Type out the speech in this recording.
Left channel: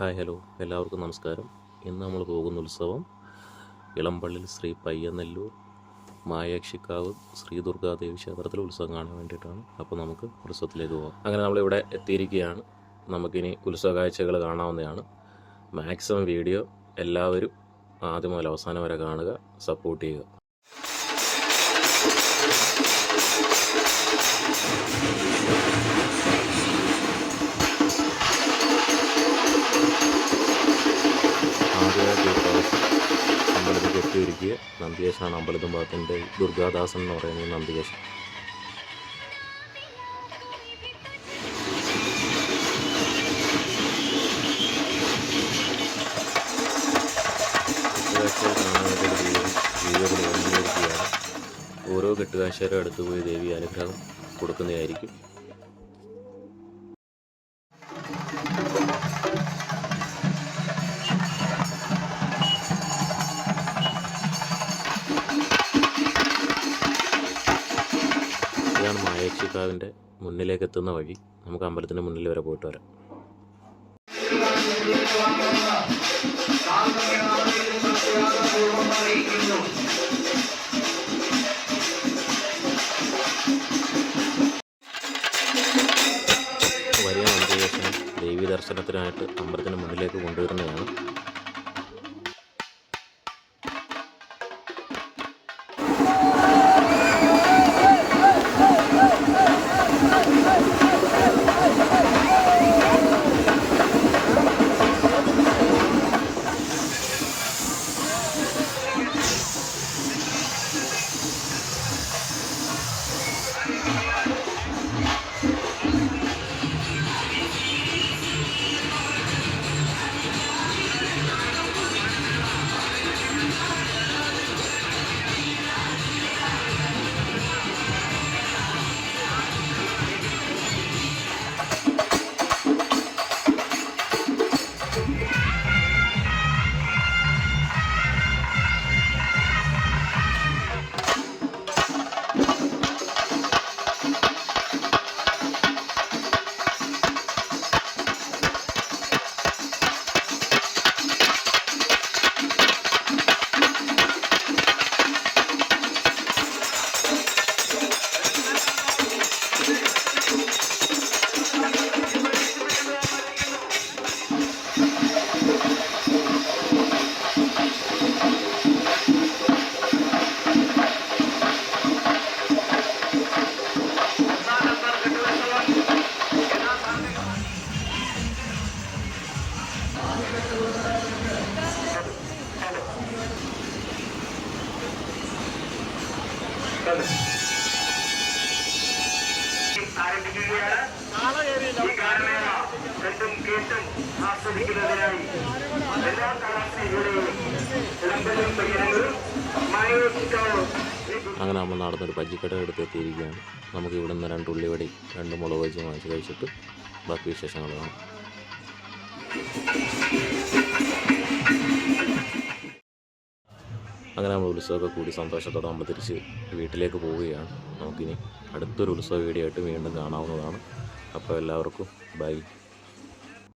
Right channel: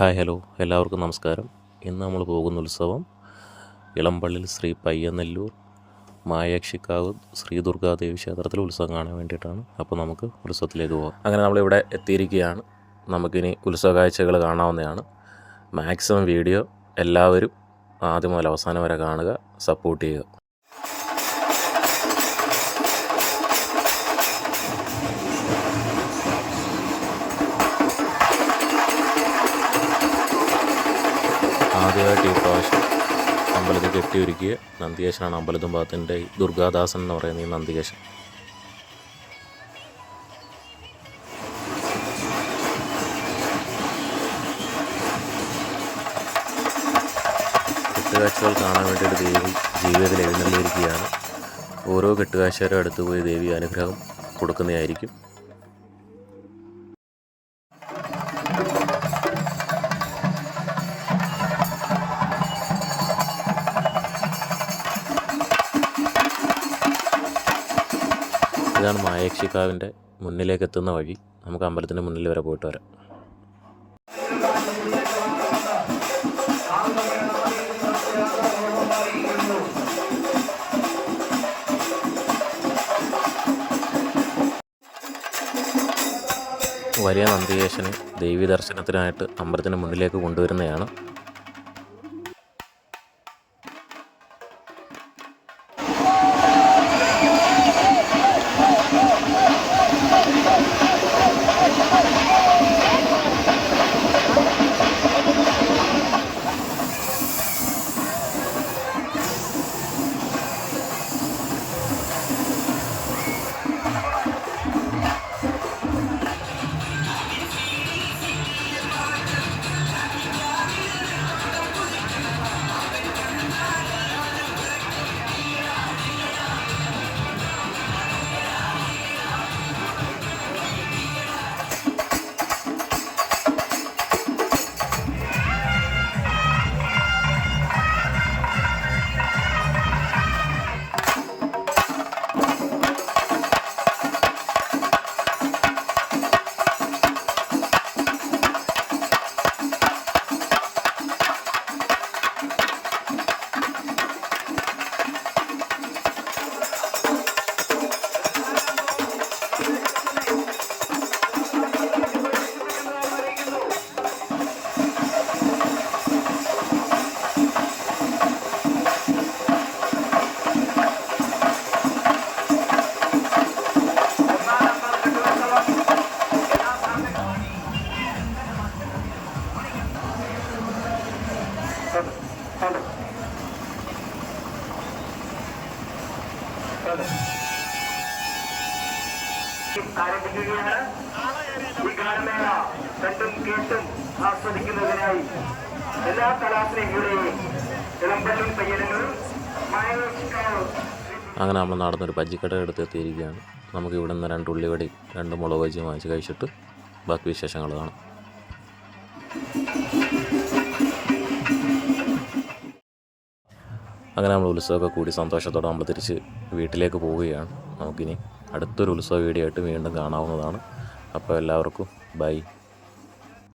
Hi hello എല്ലാവർക്കും നമസ്കാരം. ഇന്ന് നമ്മൾ പോകുന്ന ഉത്സവം ഇളമ്പള്ളിൽ ശ്രീ പയ്യനെല്ലൂർ മായക്ഷിക്കാവ് ശ്രീ ദുർഗാദേവി ക്ഷേത്രത്തിലെ ഉത്സവം കാണാൻ വേണ്ടിയിട്ടാണ്. അപ്പോൾ നമുക്ക് ഉത്സവത്തിലേക്ക് പോകാം. അങ്ങനെ നമ്മളിവിടെ എത്തിയിരിക്കുകയാണ്. നമുക്കിനി ഉത്സവ കാഴ്ചകൾ കാണാവുന്നതാണ്. മാക്സിമം വീഡിയോ എല്ലാവരും ആദ്യം മുതൽ അവസാനം വരെ കാണുക, സപ്പോർട്ട് ചെയ്യുക. ആദ്യമായിട്ട് ഈ പ്രാവശ്യം അമ്പലത്തിൽ കെട്ടിയൊരുക്കിയ നന്ദികേശനാണ് അമ്പലത്തും ഭാഗത്തിൻ്റെ ദുർഗാദാസൻ എന്ന് പറയുന്ന ഈ നന്ദികേശൻ. കെട്ടുകാഴ്ചകൾ കാണാൻ വേണ്ടിയിട്ട് ദേവി ജീവിതത്തിൽ എഴുന്നള്ളിയിരിക്കുകയാണ്. ഓരോ കെട്ടുകാഴ്ചയുടെ അടുത്ത് പോയി ദേവി അനുഗ്രഹം കൊടുക്കുന്നതായിരിക്കും. ഇതാണ് മായക്ഷിക്കാവിൻ്റെ മുന്നിലേക്ക് എത്തുന്ന വഴി. നമുക്ക് അമ്പലത്തിൻ്റെ മുന്നിൽ വരെ പോയിട്ട് വരാം. വലിയ നന്ദികേശനെ ദേവീ ദർശനത്തിനായിട്ട് അമ്പലത്തിൻ്റെ മുന്നിലേക്ക് കൊണ്ടുവരുന്നതാണ്. അങ്ങനെ നമ്മൾ നടന്നൊരു ബജ്ജിക്കട എടുത്ത് എത്തിയിരിക്കുകയാണ്. നമുക്ക് ഇവിടെ നിന്ന് 2 ഉള്ളിവടി 2 മുളക് ബജ്ജിയും വാങ്ങിച്ച് കഴിച്ചിട്ട് ബാക്കി വിശേഷങ്ങൾ കാണാം. അങ്ങനെ നമ്മൾ ഉത്സവമൊക്കെ കൂടി സന്തോഷത്തോടെ നമ്മൾ തിരിച്ച് വീട്ടിലേക്ക് പോവുകയാണ്. നമുക്കിനി അടുത്തൊരു ഉത്സവ വീഡിയോ ആയിട്ട് വീണ്ടും കാണാവുന്നതാണ്. അപ്പോൾ എല്ലാവർക്കും ബൈ.